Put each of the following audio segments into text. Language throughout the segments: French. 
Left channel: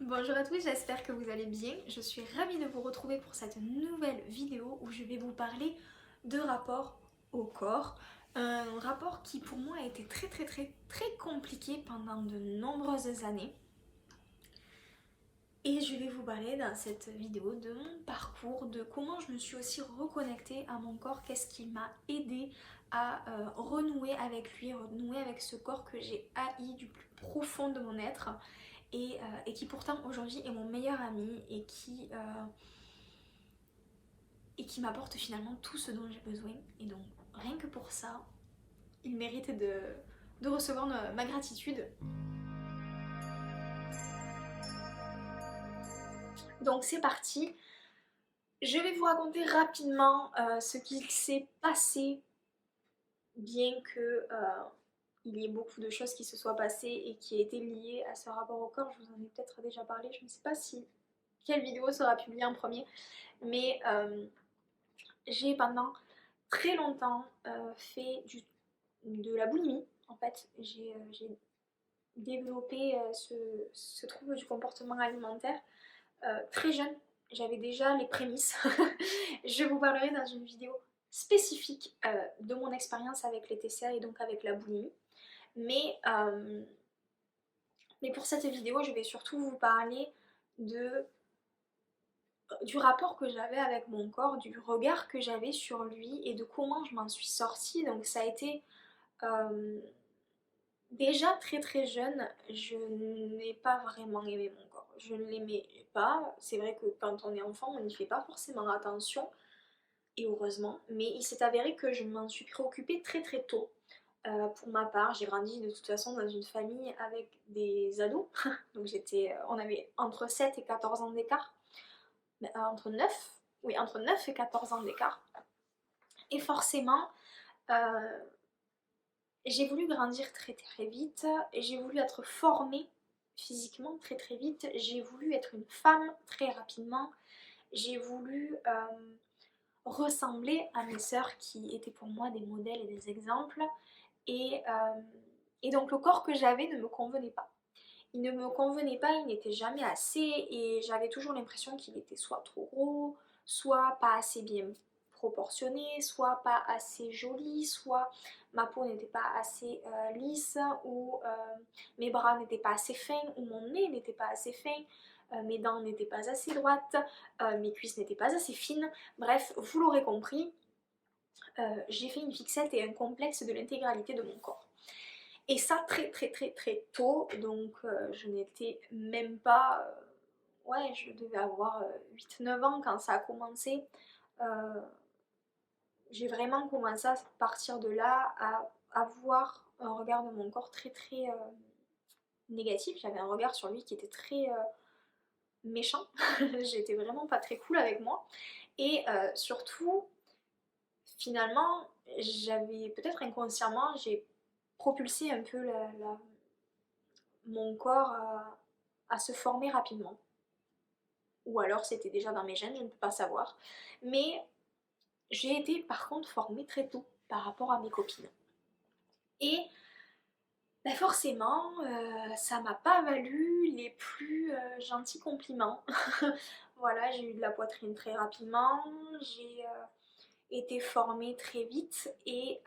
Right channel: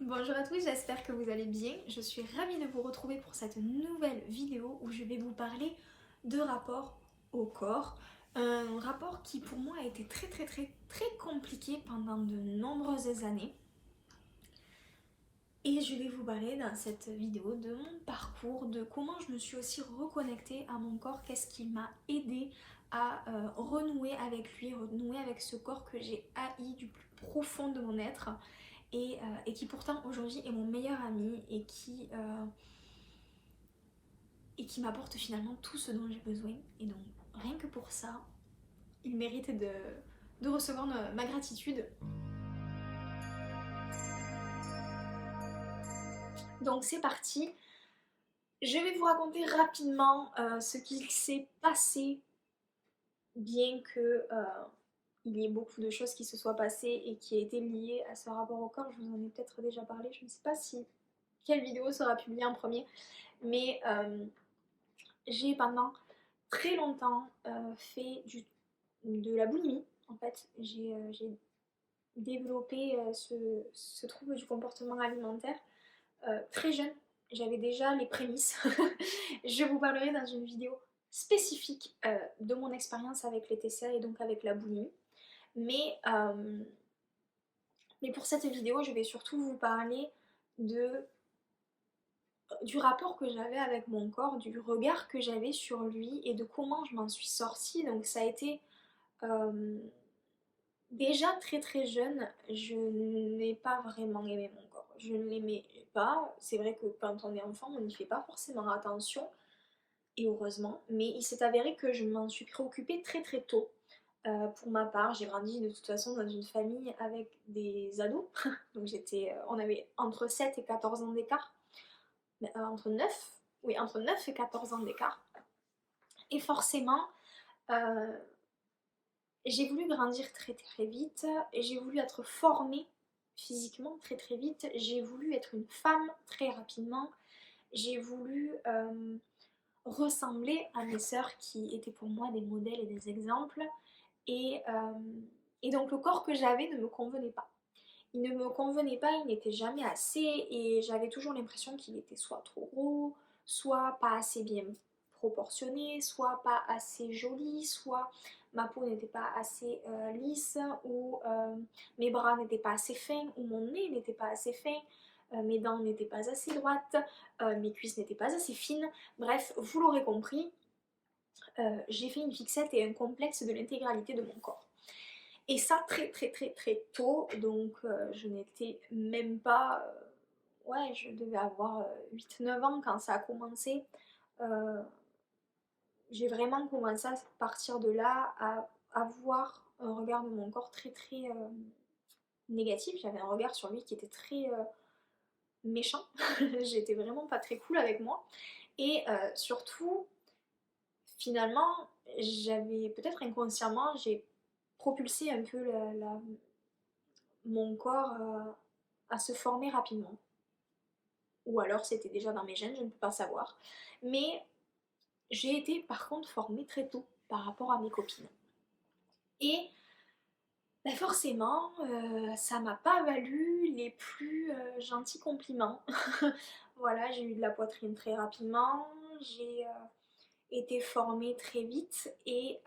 Bonjour à tous, j'espère que vous allez bien. Je suis ravie de vous retrouver pour cette nouvelle vidéo où je vais vous parler de rapport au corps. Un rapport qui pour moi a été très compliqué pendant de nombreuses années. Et je vais vous parler dans cette vidéo de mon parcours, de comment je me suis aussi reconnectée à mon corps, qu'est-ce qui m'a aidé à renouer avec lui, renouer avec ce corps que j'ai haï du plus profond de mon être et qui pourtant aujourd'hui est mon meilleur ami et qui m'apporte finalement tout ce dont j'ai besoin. Et donc rien que pour ça, il mérite de recevoir ma gratitude. Donc c'est parti. Je vais vous raconter rapidement ce qu'il s'est passé, bien que il y ait beaucoup de choses qui se soient passées et qui aient été liées à ce rapport au corps. Je vous en ai peut-être déjà parlé, je ne sais pas si quelle vidéo sera publiée en premier, mais j'ai pendant très longtemps fait de la boulimie. En fait, j'ai développé ce trouble du comportement alimentaire très jeune. J'avais déjà les prémices. Je vous parlerai dans une vidéo spécifique de mon expérience avec les TCA et donc avec la boulimie. Mais, euh, mais pour cette vidéo, je vais surtout vous parler de, du rapport que j'avais avec mon corps, du regard que j'avais sur lui et de comment je m'en suis sortie. Donc ça a été euh, déjà très jeune, je n'ai pas vraiment aimé mon corps. Je ne l'aimais pas. C'est vrai que quand on est enfant, on n'y fait pas forcément attention, et heureusement. Mais il s'est avéré que je m'en suis préoccupée très tôt. Pour ma part, j'ai grandi de toute façon dans une famille avec des ados. Donc on avait entre 7 et 14 ans d'écart. Entre 9, oui, entre 9 et 14 ans d'écart. Et forcément, euh, j'ai voulu grandir très vite, et j'ai voulu être formée physiquement très vite, j'ai voulu être une femme très rapidement, j'ai voulu ressembler à mes sœurs qui étaient pour moi des modèles et des exemples, et, euh, et donc le corps que j'avais ne me convenait pas. Il ne me convenait pas, il n'était jamais assez, et j'avais toujours l'impression qu'il était soit trop gros, soit pas assez bien proportionné, soit pas assez joli, soit ma peau n'était pas assez lisse, ou mes bras n'étaient pas assez fins, ou mon nez n'était pas assez fin, mes dents n'étaient pas assez droites, mes cuisses n'étaient pas assez fines. Bref, vous l'aurez compris, j'ai fait une fixette et un complexe de l'intégralité de mon corps. Et ça très tôt, donc je n'étais même pas... ouais, je devais avoir 8-9 ans quand ça a commencé. Euh, j'ai vraiment commencé à partir de là à avoir un regard de mon corps très négatif. J'avais un regard sur lui qui était très méchant. J'étais vraiment pas très cool avec moi. Et surtout, finalement, j'avais peut-être inconsciemment, j'ai propulsé un peu mon corps à se former rapidement. Ou alors c'était déjà dans mes gènes, je ne peux pas savoir. Mais j'ai été par contre formée très tôt par rapport à mes copines. Et ben forcément, ça m'a pas valu les plus gentils compliments. Voilà, j'ai eu de la poitrine très rapidement, j'ai été formée très vite et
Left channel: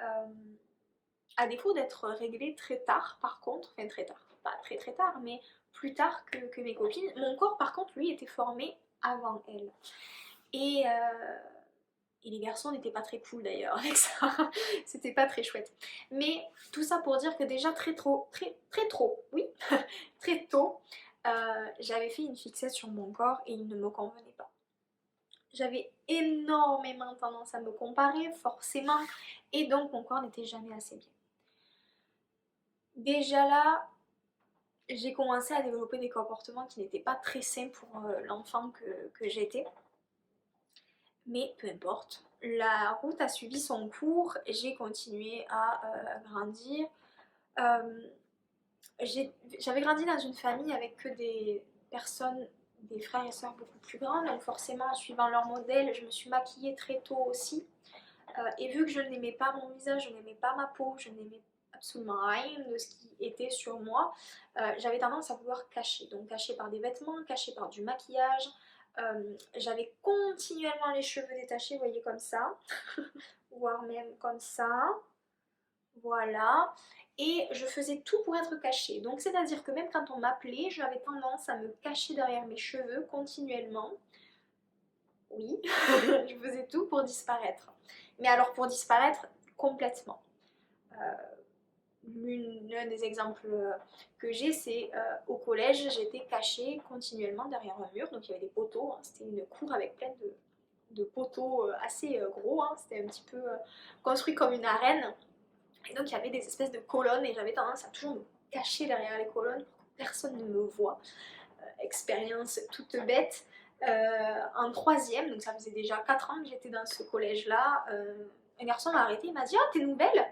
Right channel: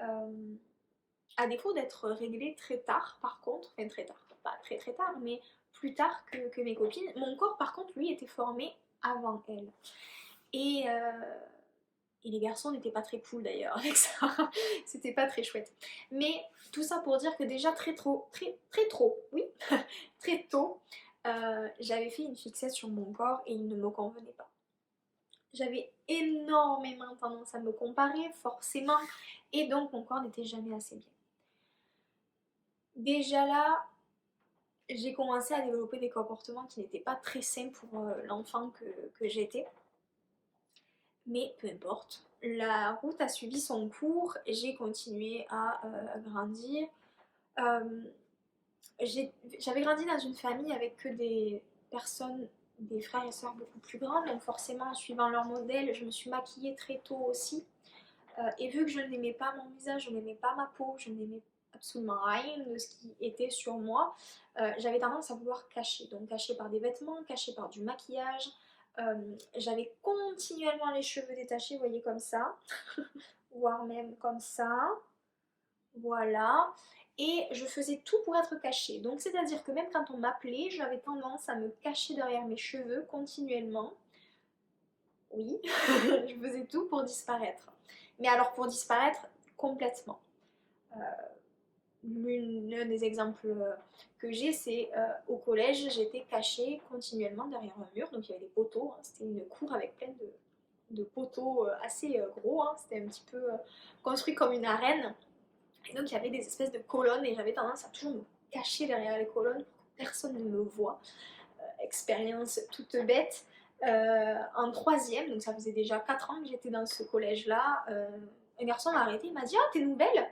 à défaut d'être réglée très tard par contre, enfin très tard, pas très tard, mais plus tard que mes copines, mon corps par contre lui était formé avant elles. Et, euh, et les garçons n'étaient pas très cool d'ailleurs avec ça, c'était pas très chouette. Mais tout ça pour dire que déjà très trop, oui, très tôt, j'avais fait une fixette sur mon corps et il ne me convenait pas. J'avais énormément tendance à me comparer, forcément, et donc mon corps n'était jamais assez bien. Déjà là, j'ai commencé à développer des comportements qui n'étaient pas très sains pour l'enfant que j'étais. Mais peu importe, la route a suivi son cours, j'ai continué à grandir. Euh, J'avais grandi dans une famille avec que des personnes, des frères et sœurs beaucoup plus grands, donc forcément en suivant leur modèle, je me suis maquillée très tôt aussi. Et vu que je n'aimais pas mon visage, je n'aimais pas ma peau, je n'aimais absolument rien de ce qui était sur moi, j'avais tendance à vouloir cacher. Donc cacher par des vêtements, cacher par du maquillage. J'avais continuellement les cheveux détachés, vous voyez comme ça, voire même comme ça. Voilà. Et je faisais tout pour être cachée. Donc c'est-à-dire que même quand on m'appelait, j'avais tendance à me cacher derrière mes cheveux continuellement. Oui, je faisais tout pour disparaître. Mais alors pour disparaître complètement. L'un des exemples que j'ai, c'est au collège, j'étais cachée continuellement derrière un mur. Donc il y avait des poteaux, hein. C'était une cour avec plein de poteaux assez gros, hein. C'était un petit peu construit comme une arène. Et donc il y avait des espèces de colonnes et j'avais tendance à toujours me cacher derrière les colonnes pour que personne ne me voie. Expérience toute bête. En troisième, donc ça faisait déjà 4 ans que j'étais dans ce collège-là, un garçon m'a arrêté, il m'a dit: «Ah, t'es nouvelle?»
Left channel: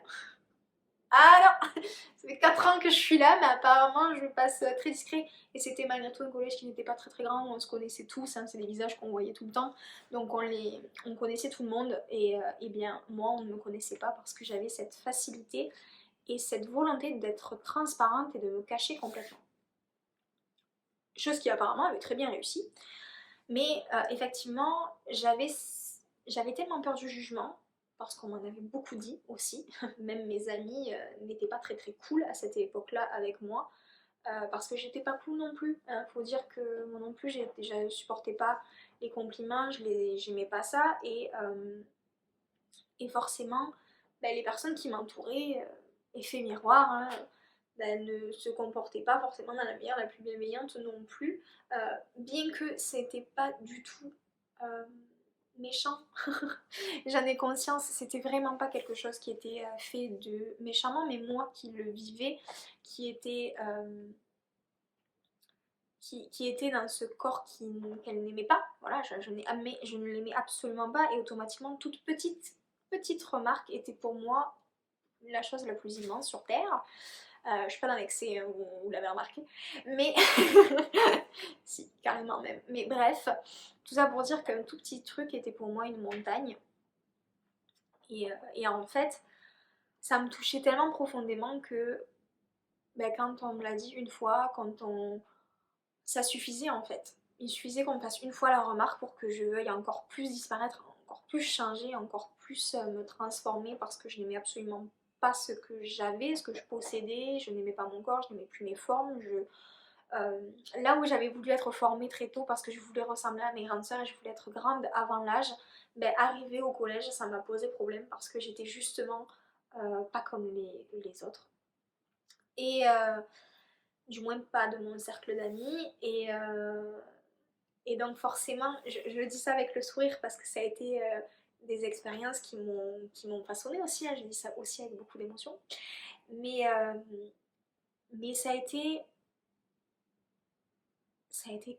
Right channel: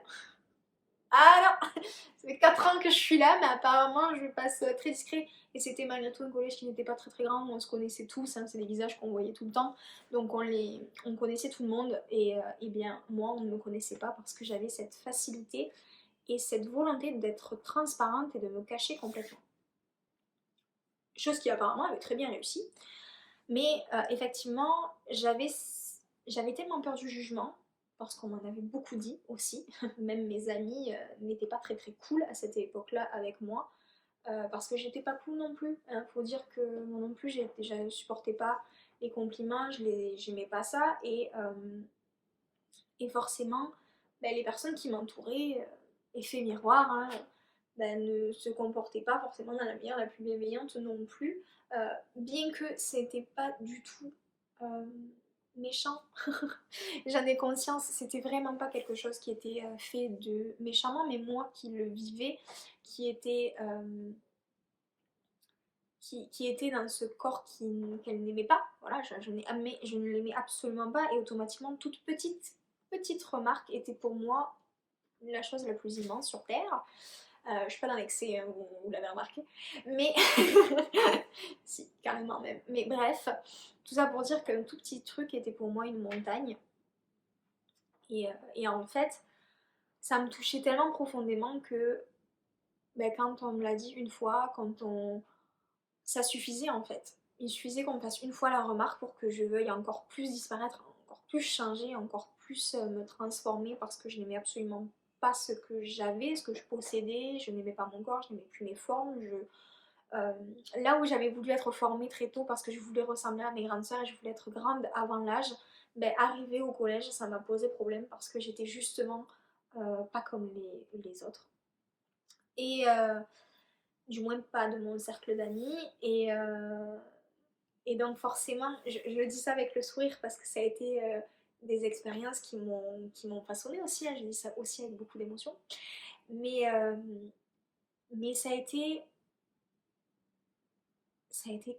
Ah non, ça fait 4 ans que je suis là, mais apparemment je passe très discret. Et c'était malgré tout un collège qui n'était pas très très grand, on se connaissait tous, hein, c'est des visages qu'on voyait tout le temps. Donc on connaissait tout le monde et bien moi on ne me connaissait pas parce que j'avais cette facilité et cette volonté d'être transparente et de me cacher complètement. Chose qui apparemment avait très bien réussi. Mais effectivement, j'avais tellement peur du jugement, parce qu'on m'en avait beaucoup dit aussi. Même mes amis n'étaient pas très très cool à cette époque-là avec moi, parce que j'étais pas cool non plus. Hein. Faut dire que moi non plus, je supportais pas les compliments, j'aimais pas ça. Et forcément, ben, les personnes qui m'entouraient, effet miroir, hein, ben, ne se comportaient pas forcément dans la meilleure, la plus bienveillante non plus. Bien que c'était pas du tout méchant. J'en ai conscience, c'était vraiment pas quelque chose qui était fait de méchamment, mais moi qui le vivais, qui était, qui était dans ce corps qu'elle n'aimait pas. Voilà, je ne l'aimais absolument pas et automatiquement toute petite remarque était pour moi la chose la plus immense sur Terre. Je suis pas dans l'excès, hein, vous l'avez remarqué, mais si, carrément même. Mais bref, tout ça pour dire qu'un tout petit truc était pour moi une montagne. Et en fait, ça me touchait tellement profondément que ben, quand on me l'a dit une fois, ça suffisait en fait. Il suffisait qu'on me fasse une fois la remarque pour que je veuille encore plus disparaître, encore plus changer, encore plus me transformer parce que je n'aimais absolument pas ce que j'avais, ce que je possédais, je n'aimais pas mon corps, je n'aimais plus mes formes. Là où j'avais voulu être formée très tôt parce que je voulais ressembler à mes grandes sœurs et je voulais être grande avant l'âge, ben, arrivé au collège, ça m'a posé problème parce que j'étais justement pas comme les autres. Et du moins pas de mon cercle d'amis. Et donc forcément, je dis ça avec le sourire parce que ça a été des expériences qui m'ont façonné aussi, hein, je dis ça aussi avec beaucoup d'émotion. Mais, mais ça a été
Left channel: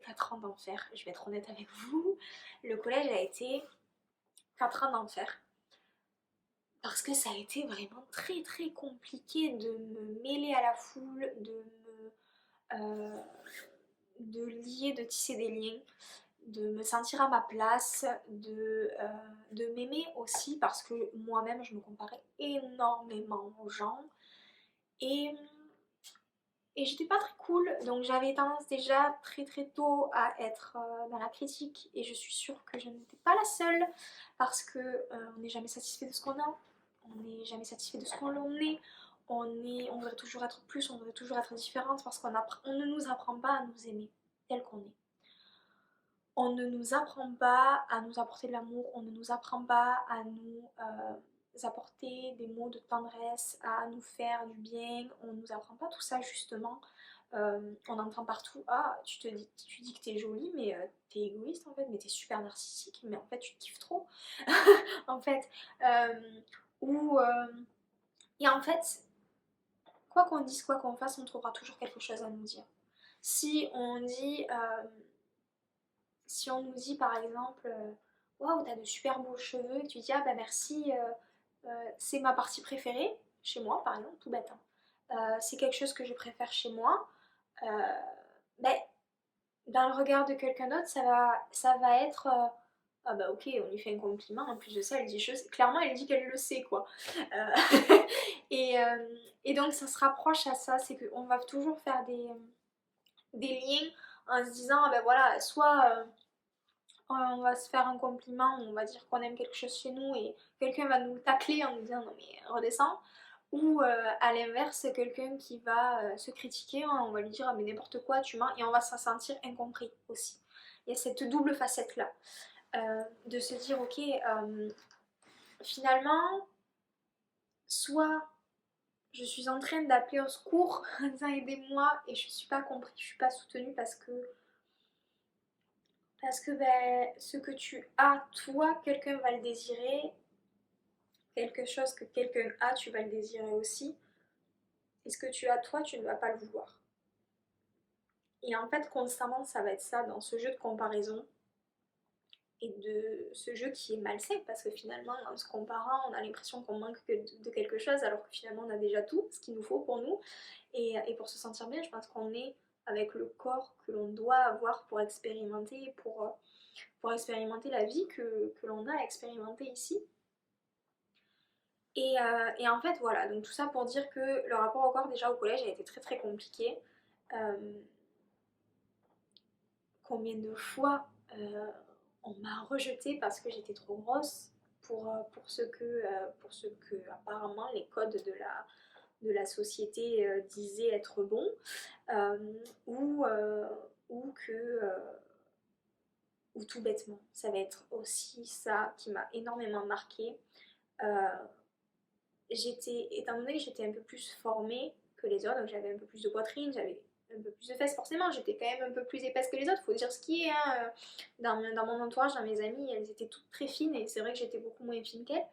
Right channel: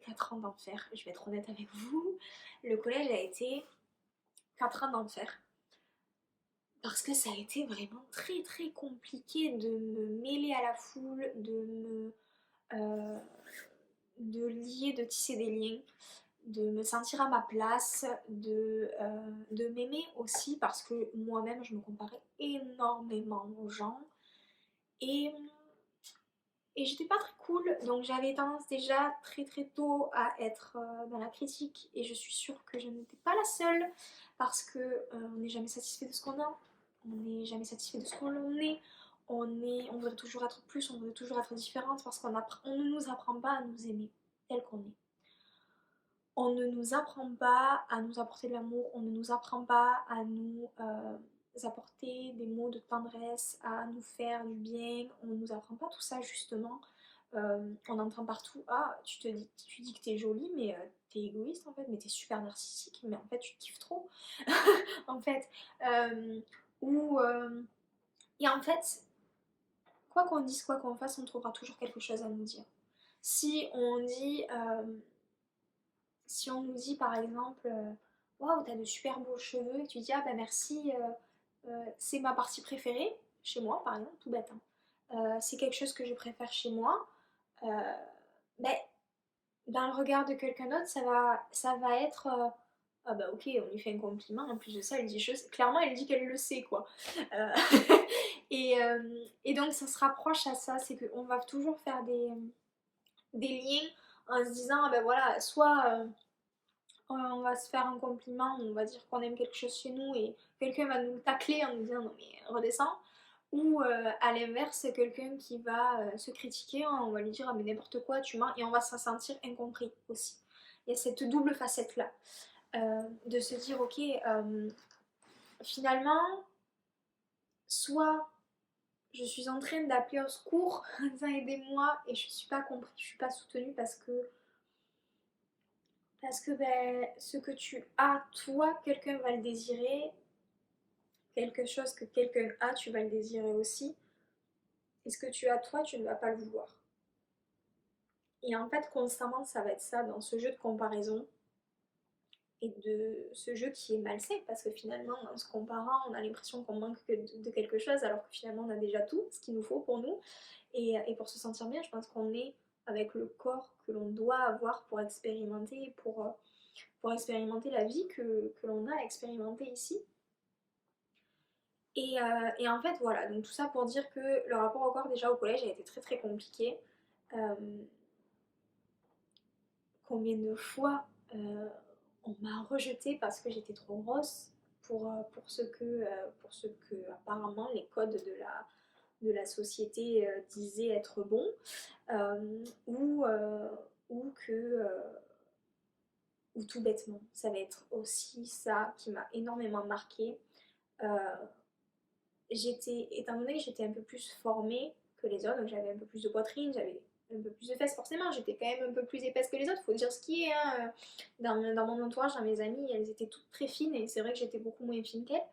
4 ans d'enfer, je vais être honnête avec vous. Le collège a été 4 ans d'enfer. Parce que ça a été vraiment très très compliqué de me mêler à la foule, euh, de lier, de tisser des liens, de me sentir à ma place, de m'aimer aussi parce que moi-même je me comparais énormément aux gens et, et j'étais pas très cool, donc j'avais tendance déjà très très tôt à être dans la critique et je suis sûre que je n'étais pas la seule parce que on n'est jamais satisfait de ce qu'on a, on n'est jamais satisfait de ce qu'on est, on voudrait toujours être plus, on voudrait toujours être différente parce on ne nous apprend pas à nous aimer tel qu'on est. On ne nous apprend pas à nous apporter de l'amour, on ne nous apprend pas à nous apporter des mots de tendresse, à nous faire du bien, on ne nous apprend pas tout ça justement. On entend partout: ah, tu dis que t'es jolie, mais t'es égoïste en fait, mais t'es super narcissique, mais en fait tu te kiffes trop. En fait, euh, ou et en fait, quoi qu'on dise, quoi qu'on fasse, on trouvera toujours quelque chose à nous dire. Si on dit Si on nous dit par exemple waouh, t'as de super beaux cheveux, et tu dis ah bah merci, c'est ma partie préférée, chez moi par exemple, tout bête, hein. C'est quelque chose que je préfère chez moi, euh, ben, dans le regard de quelqu'un d'autre, ça va être ah bah ok, on lui fait un compliment, en plus de ça, elle dit clairement, elle dit qu'elle le sait quoi. Euh, Et donc ça se rapproche à ça, c'est qu'on va toujours faire des liens en se disant, ah ben voilà, soit on va se faire un compliment, on va dire qu'on aime quelque chose chez nous et quelqu'un va nous tacler en nous disant non mais redescends. Ou à l'inverse, quelqu'un qui va se critiquer, hein, on va lui dire ah mais n'importe quoi, tu mens, et on va se sentir incompris aussi. Il y a cette double facette là, de se dire ok, finalement, soit je suis en train d'appeler au secours en disant aidez-moi et je suis pas compris, je suis pas soutenue parce que ben, ce que tu as, toi, quelqu'un va le désirer, quelque chose que quelqu'un a, tu vas le désirer aussi, et ce que tu as, toi, tu ne vas pas le vouloir. Et en fait, constamment, ça va être ça dans ce jeu de comparaison et de ce jeu qui est malsain, parce que finalement, en se comparant, on a l'impression qu'on manque de quelque chose, alors que finalement, on a déjà tout ce qu'il nous faut pour nous. Et pour se sentir bien, je pense qu'on est avec le corps que l'on doit avoir pour expérimenter la vie que l'on a expérimenté ici. Et en fait, voilà, donc tout ça pour dire que le rapport au corps, déjà au collège, a été très très compliqué. Euh, Combien de fois on m'a rejetée parce que j'étais trop grosse pour ce que apparemment les codes de la société disaient être bons, euh, ou, euh, ou que ou tout bêtement, ça va être aussi ça qui m'a énormément marqué. Euh, Étant donné que j'étais un peu plus formée que les autres, donc j'avais un peu plus de poitrine, j'avais un peu plus de fesses, forcément, j'étais quand même un peu plus épaisse que les autres, faut dire ce qui est, hein. Dans mon entourage, dans mes amies, elles étaient toutes très fines, et c'est vrai que j'étais beaucoup moins fine qu'elles.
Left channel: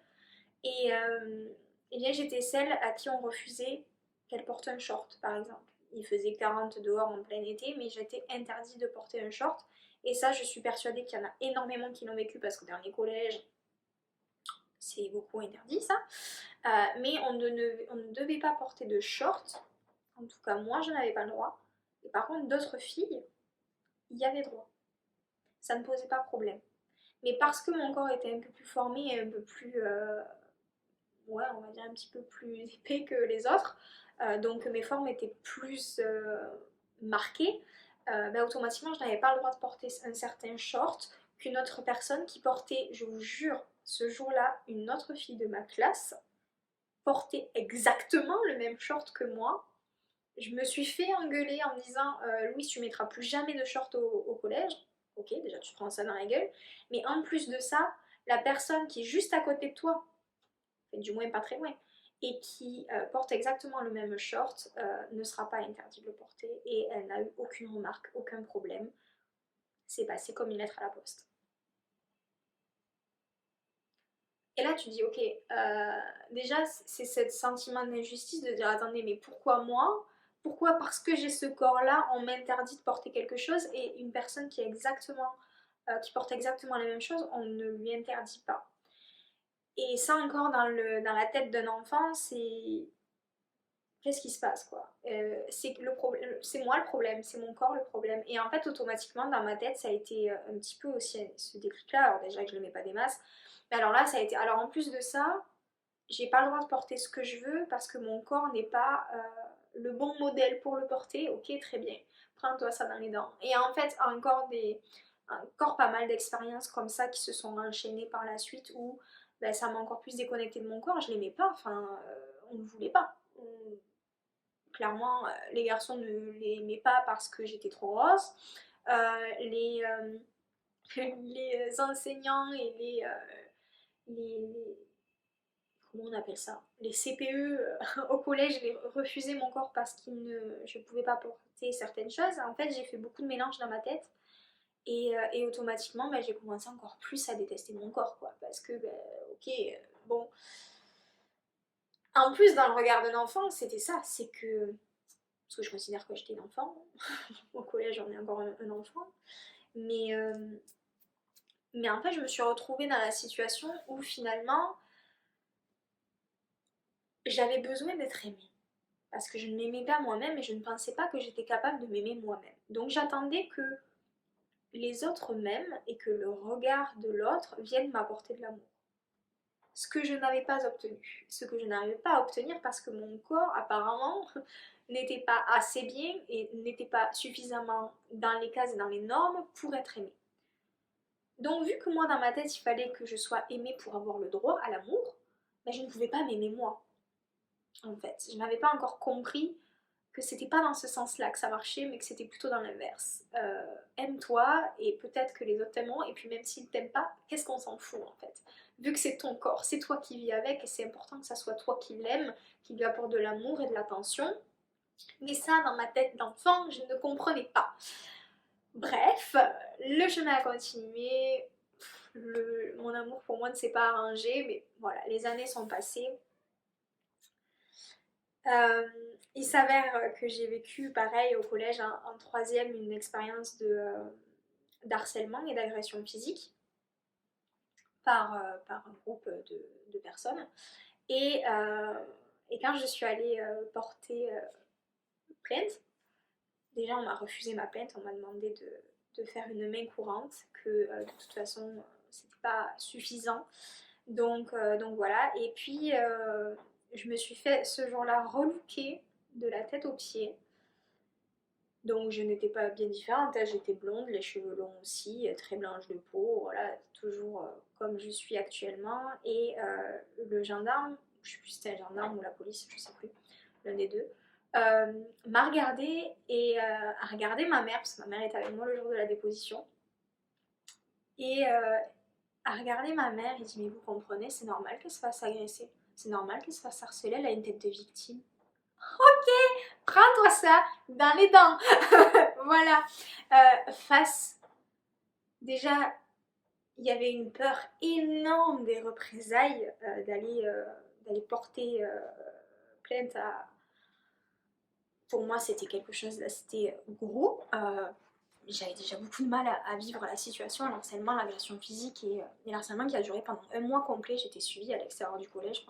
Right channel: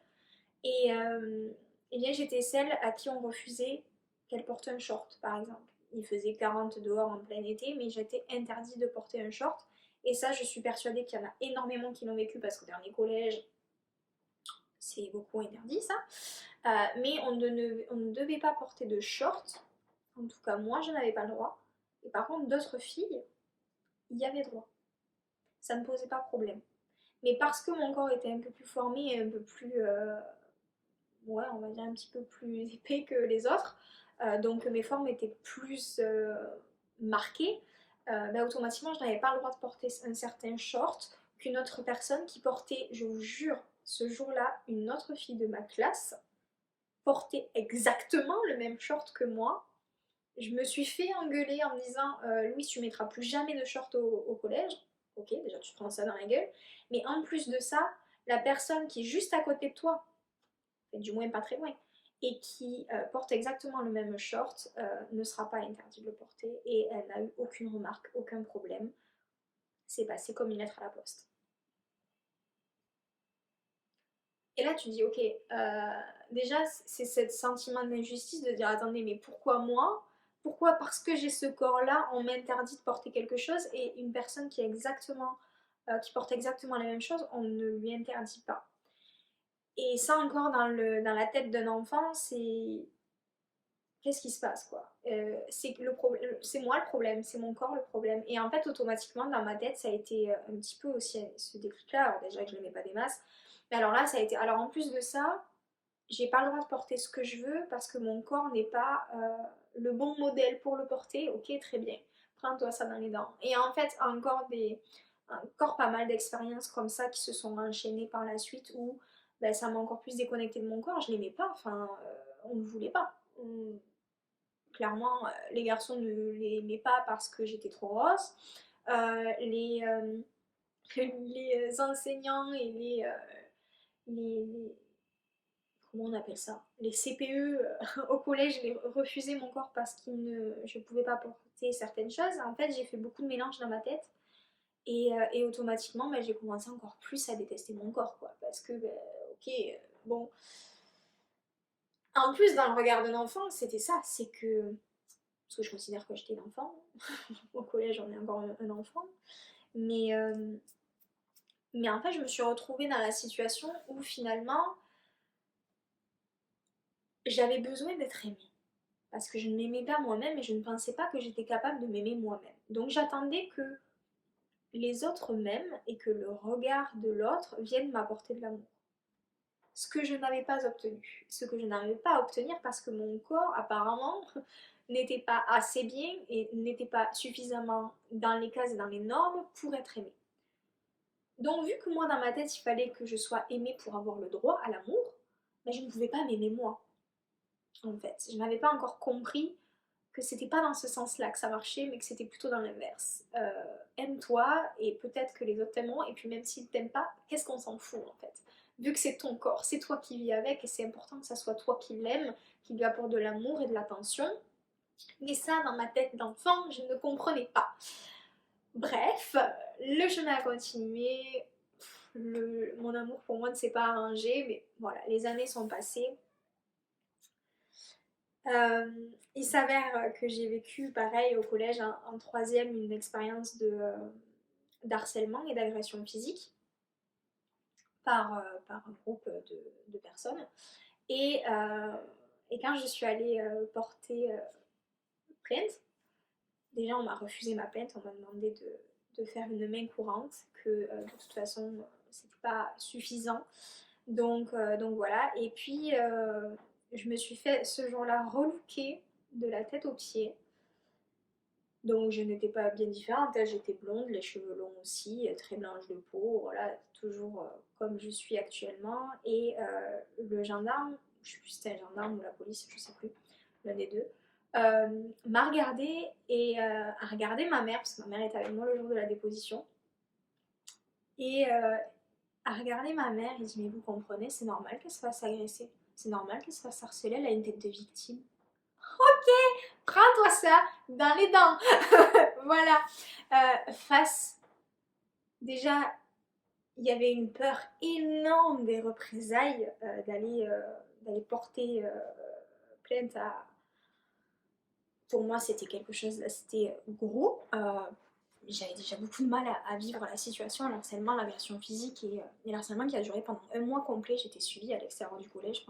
Et bien j'étais celle à qui on refusait qu'elle porte un short, par exemple. Il faisait 40 dehors en plein été, mais j'étais interdite de porter un short. Et ça, je suis persuadée qu'il y en a énormément qui l'ont vécu parce que dans les collèges, c'est beaucoup interdit ça. Mais on ne devait pas porter de short. En tout cas, moi, je n'avais pas le droit. Et par contre, d'autres filles y avaient droit. Ça ne posait pas problème. Mais parce que mon corps était un peu plus formé et un peu plus, ouais, on va dire un petit peu plus épais que les autres, donc mes formes étaient plus marquées, bah, automatiquement, je n'avais pas le droit de porter un certain short qu'une autre personne qui portait, je vous jure, ce jour-là, une autre fille de ma classe portait exactement le même short que moi. Je me suis fait engueuler en me disant Louise, tu mettras plus jamais de short au collège. Ok, déjà tu te prends ça dans la gueule. Mais en plus de ça, la personne qui est juste à côté de toi, du moins pas très loin, et qui porte exactement le même short, ne sera pas interdit de le porter. Et elle n'a eu aucune remarque, aucun problème. C'est passé comme une lettre à la poste. Et là, tu dis, ok, déjà, c'est ce sentiment d'injustice de dire, attendez, mais pourquoi moi? Pourquoi, parce que j'ai ce corps-là, on m'interdit de porter quelque chose et une personne qui porte exactement la même chose, on ne lui interdit pas. Et ça encore dans la tête d'un enfant, c'est qu'est-ce qui se passe quoi? C'est moi le problème, c'est mon corps le problème. Et en fait, automatiquement, dans ma tête, ça a été un petit peu aussi ce déclic-là. Alors déjà que je ne mets pas des masses, mais alors là, ça a été. Alors en plus de ça, j'ai pas le droit de porter ce que je veux parce que mon corps n'est pas le bon modèle pour le porter. Ok, très bien. Prends-toi ça dans les dents. Et en fait, encore pas mal d'expériences comme ça qui se sont enchaînées par la suite où ben, ça m'a encore plus déconnecté de mon corps. Je l'aimais pas. Enfin, on ne voulait pas. Clairement, les garçons ne l'aimaient pas parce que j'étais trop grosse. Les, les enseignants et les comment on appelle ça, les CPE au collège les refusaient mon corps parce que je ne pouvais pas porter certaines choses. En fait, j'ai fait beaucoup de mélanges dans ma tête et automatiquement, bah, j'ai commencé encore plus à détester mon corps, quoi, parce que, bah, ok, bon. En plus, dans le regard d'un enfant, c'était ça, c'est que, parce que je considère que j'étais un enfant, au collège, on est encore un enfant, mais, euh, mais en fait, je me suis retrouvée dans la situation où finalement, j'avais besoin d'être aimée. Parce que je ne m'aimais pas moi-même et je ne pensais pas que j'étais capable de m'aimer moi-même. Donc j'attendais que les autres m'aiment et que le regard de l'autre vienne m'apporter de l'amour. ce que je n'avais pas obtenu. Ce que je n'arrivais pas à obtenir parce que mon corps, apparemment, n'était pas assez bien et n'était pas suffisamment dans les cases et dans les normes pour être aimé. Donc vu que moi dans ma tête il fallait que je sois aimée pour avoir le droit à l'amour, ben, je ne pouvais pas m'aimer moi en fait. Je n'avais pas encore compris que c'était pas dans ce sens-là que ça marchait, mais que c'était plutôt dans l'inverse. Aime-toi et peut-être que les autres t'aimeront, et puis même s'ils t'aiment pas, qu'est-ce qu'on s'en fout en fait. Vu que c'est ton corps, c'est toi qui vis avec, et c'est important que ça soit toi qui l'aime, qui lui apporte de l'amour et de l'attention. Mais ça, dans ma tête d'enfant, je ne comprenais pas. Bref, le chemin a continué. Mon amour pour moi ne s'est pas arrangé, mais voilà, les années sont passées. Il s'avère que j'ai vécu pareil au collège en troisième une expérience d'harcèlement et d'agression physique par un groupe de personnes. Et, euh, et quand je suis allée porter plainte, déjà on m'a refusé ma plainte, on m'a demandé de faire une main courante, que de toute façon c'était pas suffisant. Donc voilà, et puis je me suis fait ce jour-là relooker de la tête aux pieds. Donc je n'étais pas bien différente, hein. J'étais blonde, les cheveux longs aussi, très blanche de peau, voilà, toujours comme je suis actuellement. Et le gendarme, je sais plus si c'était un gendarme ou la police, je sais plus, l'un des deux, m'a regardé et a regardé ma mère, parce que ma mère était avec moi le jour de la déposition. Et a regardé ma mère, il dit mais vous comprenez, c'est normal qu'elle se fasse agresser, c'est normal qu'elle se fasse harceler, elle a une tête de victime. Ok, prends-toi ça dans les dents. Voilà. Face, déjà, il y avait une peur énorme des représailles, d'aller porter plainte à. Pour moi, c'était quelque chose, là, c'était gros. J'avais déjà beaucoup de mal à vivre la situation, l'harcèlement, l'agression physique et l'harcèlement qui a duré pendant un mois complet. J'étais suivie à l'extérieur du collège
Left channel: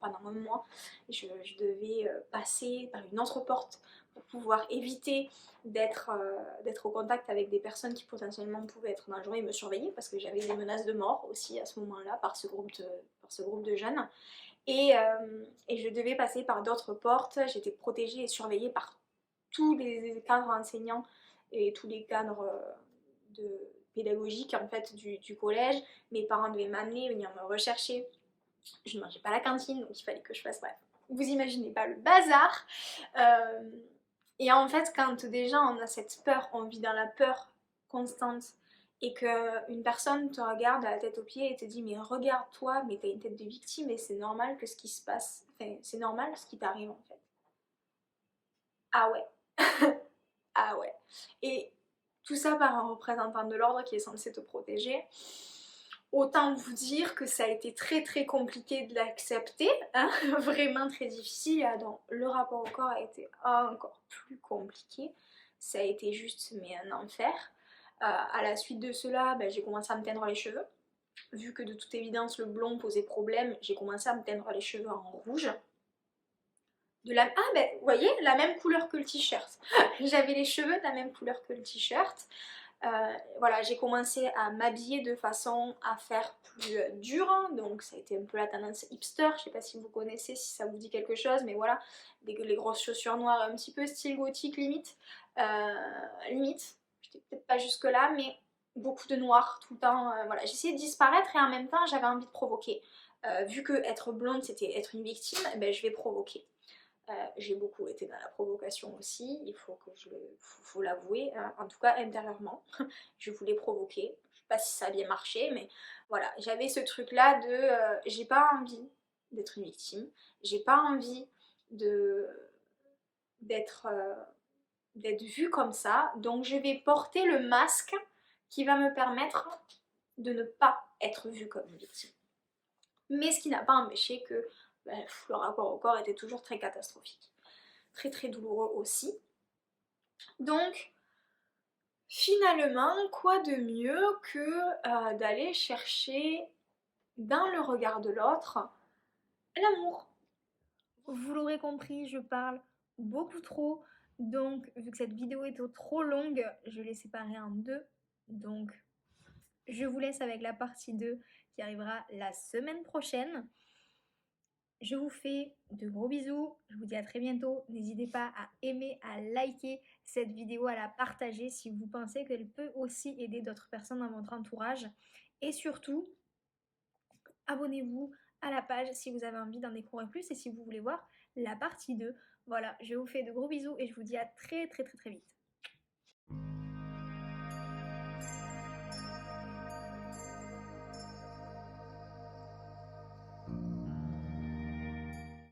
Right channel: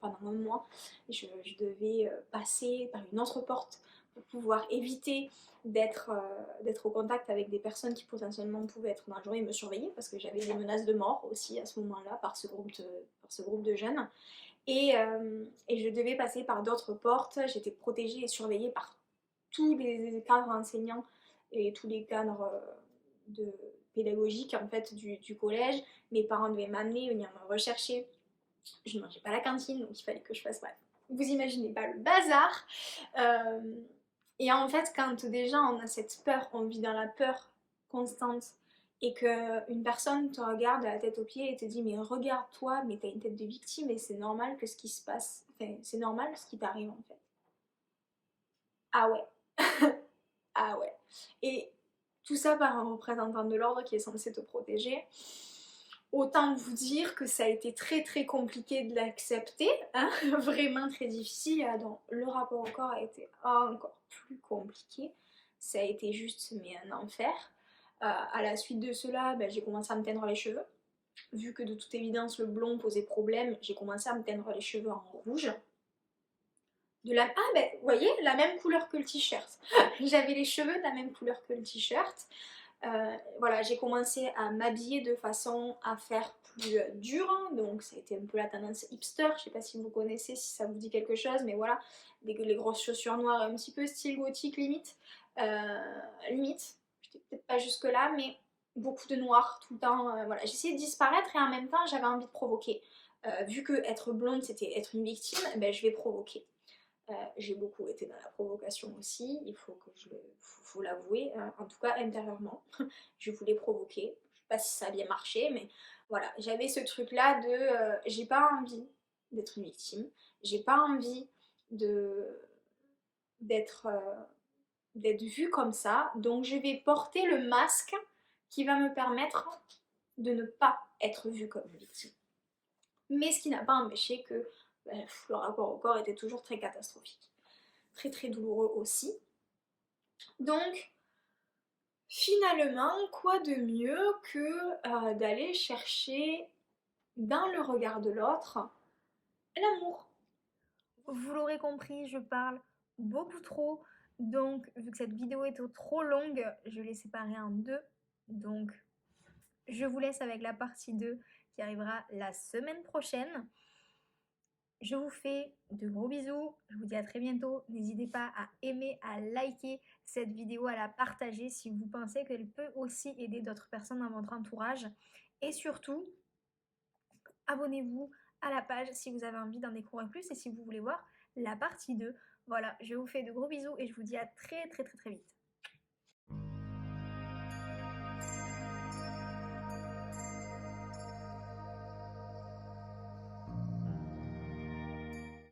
pendant un mois. Et je devais passer par une autre porte pour pouvoir éviter d'être au contact avec des personnes qui potentiellement pouvaient être dangereuses et me surveiller parce que j'avais des menaces de mort aussi à ce moment-là par ce groupe de jeunes. Et je devais passer par d'autres portes. J'étais protégée et surveillée par tous les cadres enseignants et tous les cadres pédagogiques en fait du collège. Mes parents devaient m'amener, venir me rechercher. Je ne mangeais pas à la cantine, donc il fallait que je fasse bref. Vous imaginez pas le bazar. Et en fait, quand déjà on a cette peur, on vit dans la peur constante et qu'une personne te regarde à la tête aux pieds et te dit mais regarde-toi, mais t'as une tête de victime et c'est normal que ce qui se passe, enfin, c'est normal ce qui t'arrive en fait. Ah ouais. Ah ouais. Et tout ça par un représentant de l'ordre qui est censé te protéger. Autant vous dire que ça a été très très compliqué de l'accepter, hein, vraiment très difficile. Donc le rapport au corps a été encore plus compliqué. Ça a été juste mais un enfer. À la suite de cela, ben, j'ai commencé à me teindre les cheveux. Vu que de toute évidence le blond posait problème, j'ai commencé à me teindre les cheveux en rouge. Ah ben vous voyez, la même couleur que le t-shirt. J'avais les cheveux de la même couleur que le t-shirt. Voilà, j'ai commencé à m'habiller de façon à faire plus dur, hein. Donc ça a été un peu la tendance hipster, je sais pas si vous connaissez, si ça vous dit quelque chose, mais voilà, les grosses chaussures noires un petit peu style gothique limite. Limite, j'étais peut-être pas jusque là, mais beaucoup de noir tout le temps. Voilà, j'essayais de disparaître et en même temps j'avais envie de provoquer. Vu que être blonde c'était être une victime, ben, je vais provoquer. J'ai beaucoup été dans la provocation aussi, il faut que faut l'avouer, hein, en tout cas intérieurement. Je voulais provoquer. Je sais pas si ça a bien marché, mais voilà, j'avais ce truc-là de j'ai pas envie d'être une victime, j'ai pas envie de d'être d'être vue comme ça, donc je vais porter le masque qui va me permettre de ne pas être vue comme une victime. Mais ce qui n'a pas empêché que le rapport au corps était toujours très catastrophique. Très très douloureux aussi. Donc finalement, quoi de mieux que d'aller chercher dans le regard de l'autre l'amour. Vous l'aurez compris, je parle beaucoup trop. Donc vu que cette vidéo est trop longue, je l'ai séparée en deux. Donc je vous laisse avec la partie 2 qui arrivera la semaine prochaine. Je vous fais de gros bisous, je vous dis à très bientôt. N'hésitez pas à aimer, à liker cette vidéo, à la partager si vous pensez qu'elle peut aussi aider d'autres personnes dans votre entourage. Et surtout, abonnez-vous à la page si vous avez envie d'en découvrir plus et si vous voulez voir la partie 2. Voilà, je vous fais de gros bisous et je vous dis à très vite.